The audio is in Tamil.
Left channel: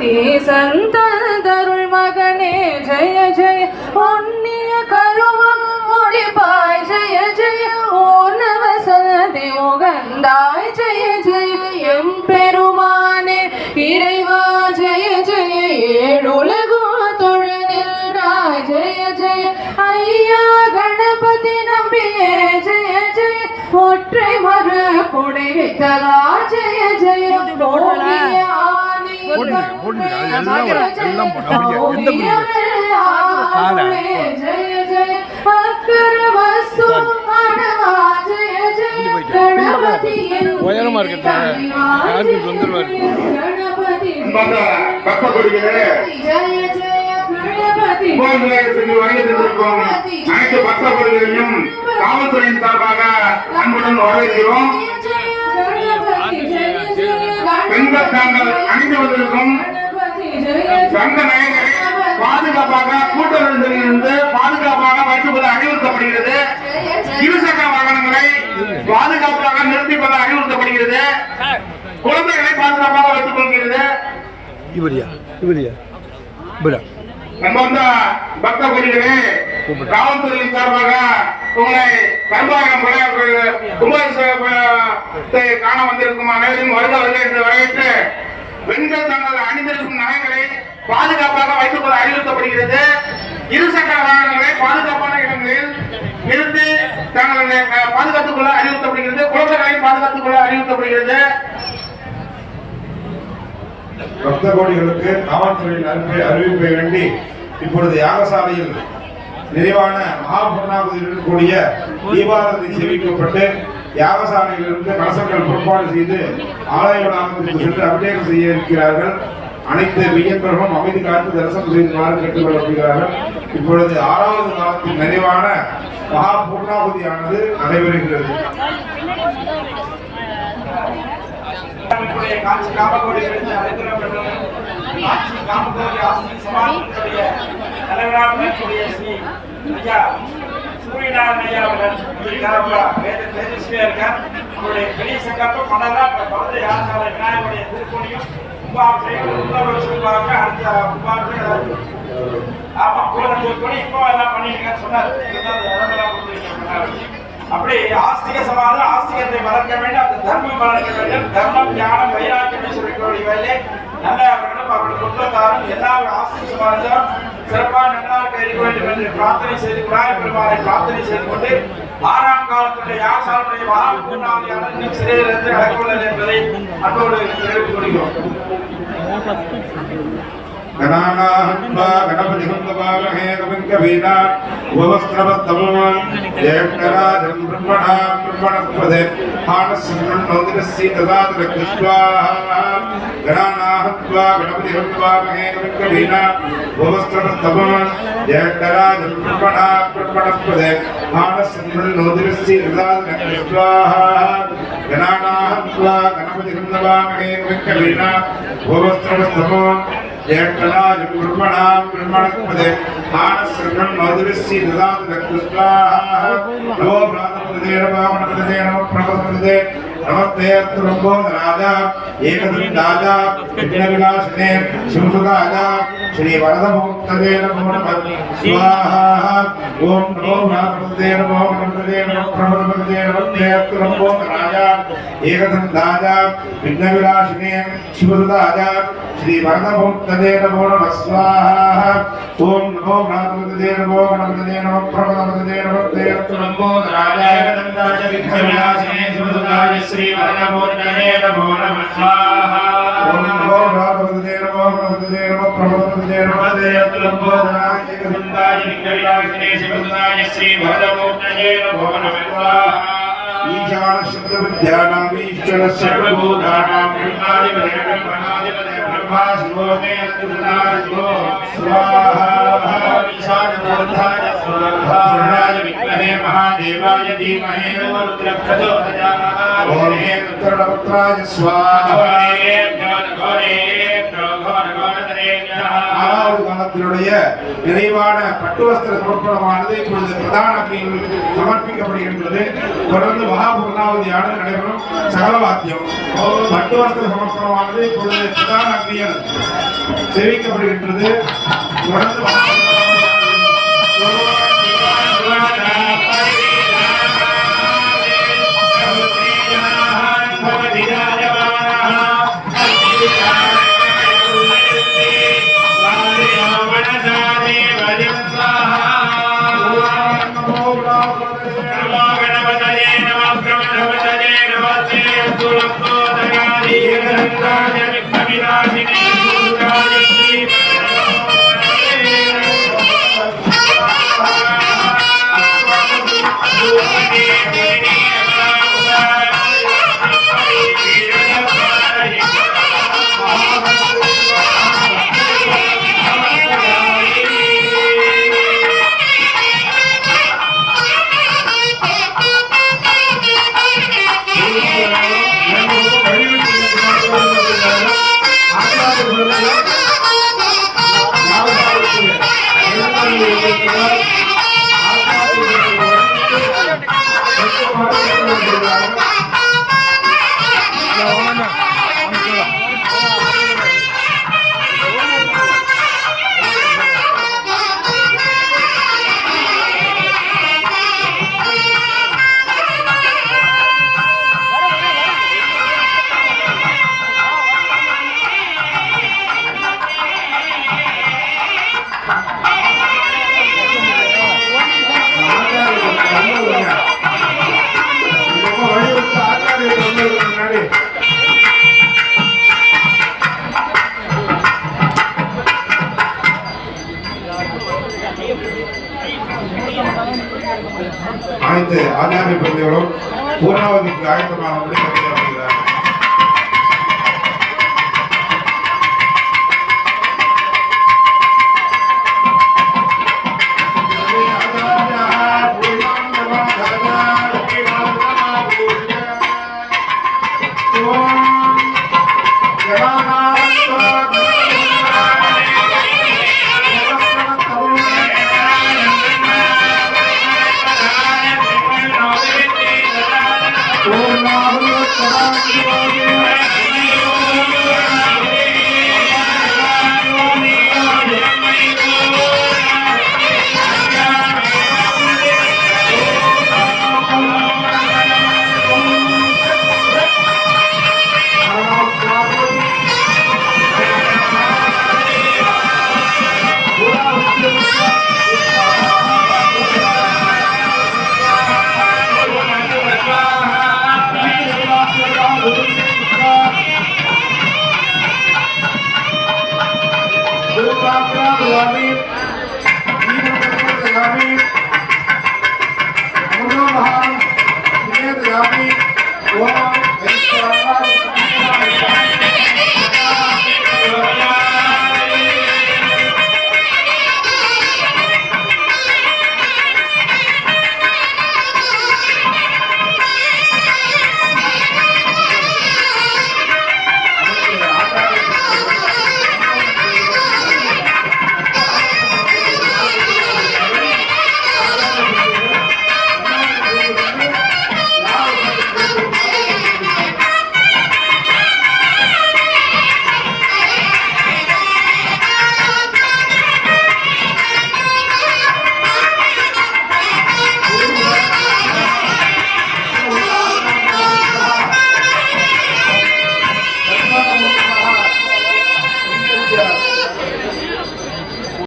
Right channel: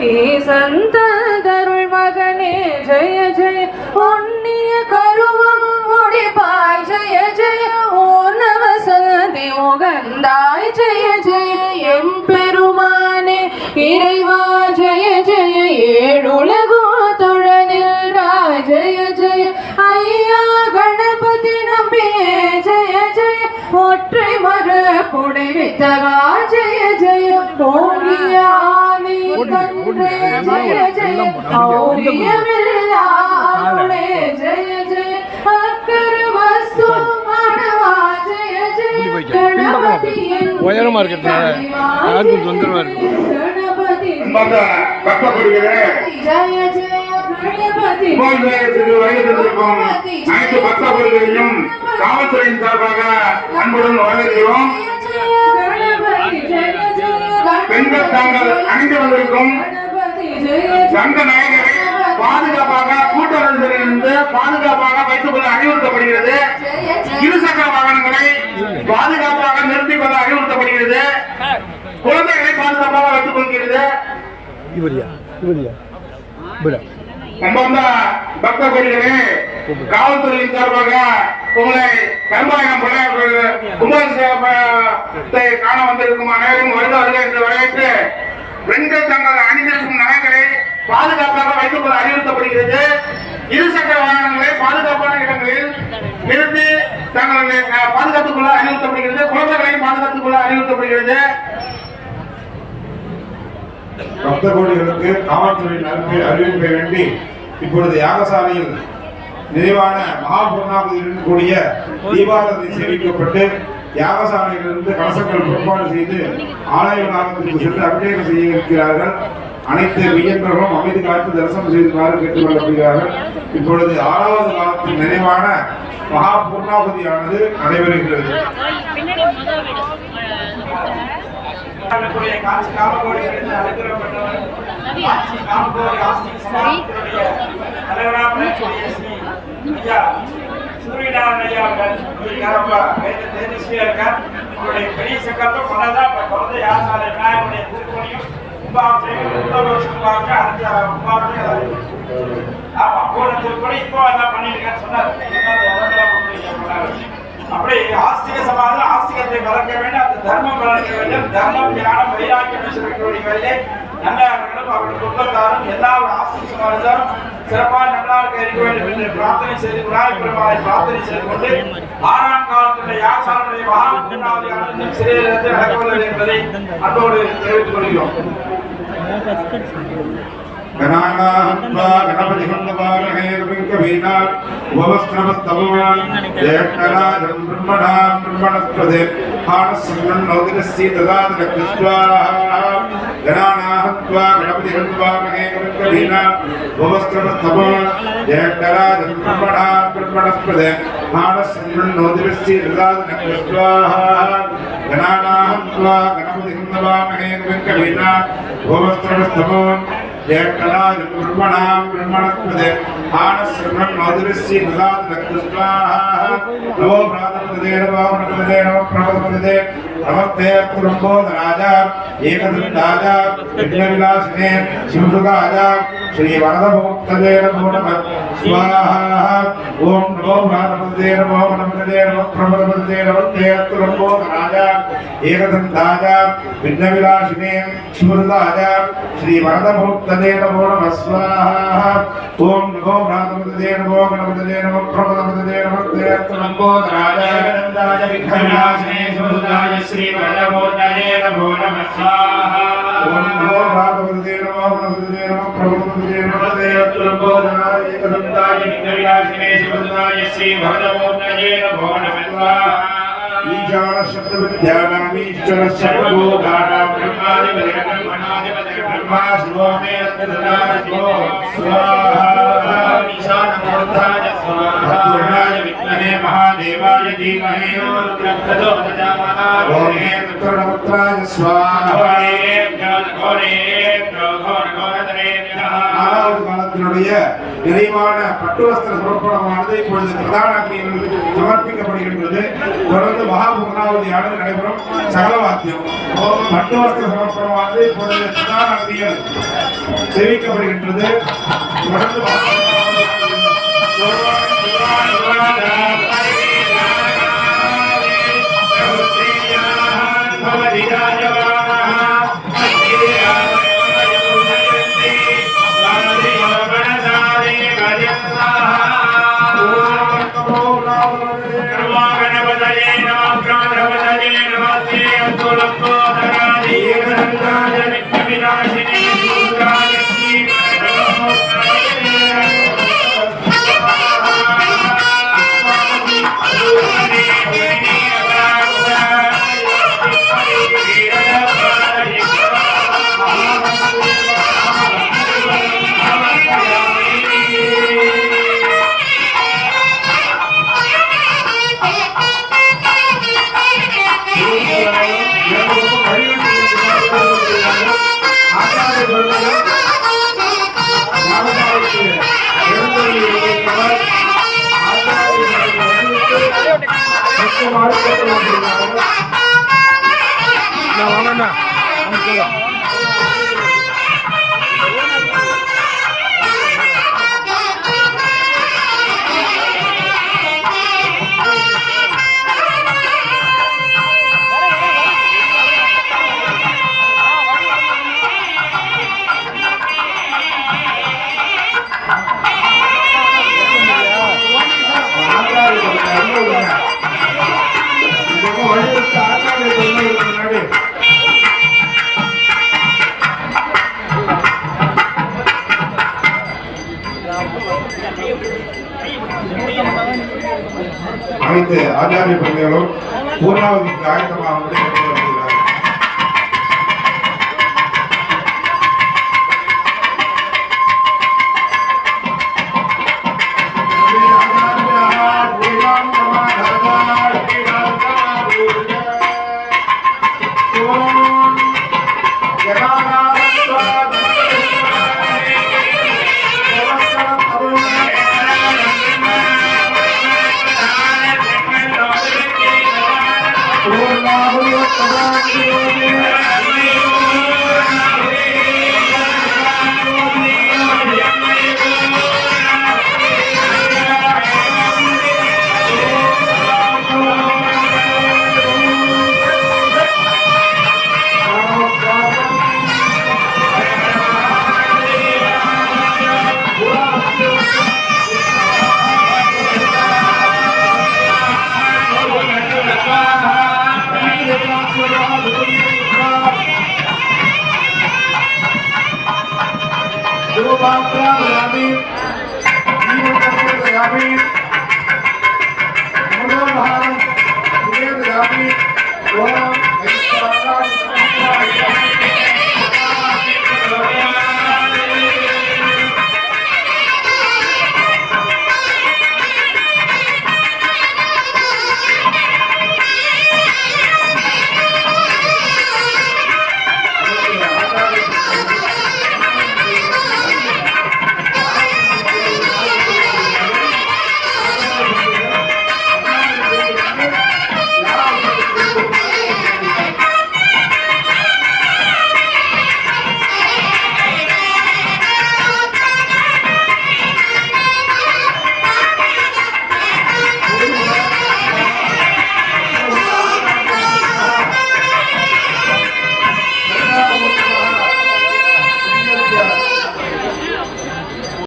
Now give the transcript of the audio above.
ஈசந்தருள் மகனே ஜெய ஜெய. பொன்னிய கருவம் முடிப்பாய் ஜெய ஜெய. ஓனவ சதி முகந்தாய் ஜெய ஜெய. எம்பெருமானே இறைவா ஜெய ஜெய. ஏழுலகோ தொழனில்ராய் ஜெய ஜெய. ஐயா கணபதி நம்பியே ஜெய ஜெய. ஒற்றை மறு புடை ஜெய இப்படி போய்க்க. கணபதி உயரமா இருக்கிறதுனால யாருக்கும் தொந்தரவா இருக்கும். கும்பாபிஷேகத்துக்கு வருகை தந்திருக்கும் அனைத்து பக்த கொடிகளையும் காவல்துறையின் சார்பாக அன்புடன் வரவேற்கிறோம் நெரிசலிலிருந்து பாதுகாப்பாக வைத்துக் கொள்ள அறிவுறுத்தப்படுகிறது. இருசக்கர வாகனங்களை பாதுகாப்பாக நிறுத்திக் கொள்ள அறிவுறுத்தப்படுகிறது. குழந்தைகளை பாதுகாப்பாக வைத்துக் கொள்கிறது. இவரியா? இவரியா? இவரா? அன்பார்ந்த பக்த கோடிகளே காவல்துறையின் சார்பாக உங்களை படையாளர்கள் கும்பாபிஷேகத்தை காண வந்திருக்கும் அனைவரும் வருக வருக என்று வரவேற்று பெண்கள் தங்கள் அணிந்திருக்கும் நகைகளை பாதுகாப்பாக வைத்துக் கொள்ள அறிவுறுத்தப்படுகிறது. இருசக்கர வாகனங்களை பாதுகாப்பான இடங்களில் நிறுத்தி தங்களை பாதுகாத்துக் கொள்ள அறிவுறுத்தப்படுகிறது குழந்தைகளை பாதுகாத்துக் கொள்ள அறிவுறுத்தப்படுகிறது. பக்த கோடிகளுக்கு காவல்துறையின் அறிவிப்பை அறிவிப்பை வேண்டி இப்பொழுது யாகசாலையில் நிறைவான மகாபூர்ணாபதியுடன் கூடிய தீபாரதி சேமிக்கப்பட்டு யாகசாலையிலிருந்து கலசங்கள் பொறுப்பாடு செய்து ஆலய வளாகத்திற்கு சென்று அபிஷேகம் செய்ய இருக்கிறார்கள். அனைத்து மெய்யன்பர்களும் அமைதி காத்து தரிசனம் செய்துமாறு கேட்டுக்கொள்ளப்படுகிறார்கள் இப்பொழுது ஆறாவது காலத்தின் நிறைவான மகா பூர்ணாபதியானது நடைபெறுகிறது. பெரிய சங்கல்பம் பண்ணதான் குழந்தை விநாயகருடைய திருப்பணியும் இப்போ எல்லாம் சொன்னார் அப்படி ஆஸ்திக சமாதானம் ஆஸ்திகத்தை வளர்க்க வேண்டும் அந்த தர்மம் வளர்க்க வேண்டும். தர்மம் ஞானம் வைராக்கியம் சொல்லக்கூடிய வேலை நல்லவர்களும் அவர்கள் குடும்பத்தாரும் எல்லா ஆஸ்திக சமாதானம் சிறப்பாக நல்லா இருக்க இருக்க வேண்டும் என்று பிரார்த்தனை செய்து விநாயகர் பெருமானை பிரார்த்தனை செய்து கொண்டு ஆறாம் காலத்துடைய யாசாருடைய மகா பூர்ணாதியான என்பதை அதோடு தெரிவித்துக் கொள்கிறோம். 我后下次更惨。గణానాత్వా గణపతి గంగవామహే కవింకవీనా ఉపవస్త్రవస్తమూనాం దేవతరాజం బ్రహ్మణాం బ్రహ్మణస్పదే హానస్సన్నం నౌదిరస్సి దదాతి రక్షస్వాహా గణానాహత్వా గణపతి గంగవామహే కవింకవీనా ఉపవస్త్రవస్తమూనాం దేవతరాజం బ్రహ్మణాం బ్రహ్మణస్పదే హానస్సన్నం నౌదిరస్సి దదాతి రక్షస్వాహా గణానాహత్వా గణపతి గంగవామహే ஏக்கலாக குருமணாம் குருமணக்குமதே ஆனசிரமம் மதுரஸ்ய நிதாத நோ பிராதபதே நம பிராதபதே நம பிராதபதே नमस्ते अस्तुरम्बोधराज एकदन्ताज यज्ञविलासिने शिवसुताज श्रीवरदमुक्तदे नमो नमः स्वाहा ॐ नमो भ्रातृपदे नमो गणपदे नमो प्रभुपदे नमस्ते अस्तुरम्बोधराज एकदन्ताज यज्ञविलासिने शिवसुताज श्रीवरदमुक्तदे नमो नमः स्वाहा ॐ नमो भ्रातृपदे नमो गणपदे नमो प्रभुपदे नमस्ते अस्तुरम्बोधराज एकदन्ताज विघ्नविनाशिने शिवसुताज श्रीपञ्चपूर्णये नमो महादेवाय धीमहे नमो रुद्रप्रचोदय ॐ हे रुद्रपुत्राय स्वाहा घोरे घोरे घोर घोर घोर घोर ஆறாவது யாகத்தினுடைய நிறைவான பட்டு வஸ்திர சமர்ப்பணமானது இப்பொழுது பிரதான அக்னியில் சமர்ப்பிக்கப்படுகின்றது தொடர்ந்து மகாபூர்ணாவதியானது நடைபெறும் சகல வாக்கியம் பட்டு வஸ்திர சமர்ப்பணமானது இப்பொழுது பிரதான அக்னியில் தெரிவிக்கப்படுகின்றது தொடர்ந்து ಸರ್ವಾಗಣಪತಯೇ ನಮಃ அனைத்து ஆச்சாரிய பிள்ளைகளும் பூர்ணாவதிக்கு ஆயத்தமாக ओम नाम योगदान योगेश Gracias.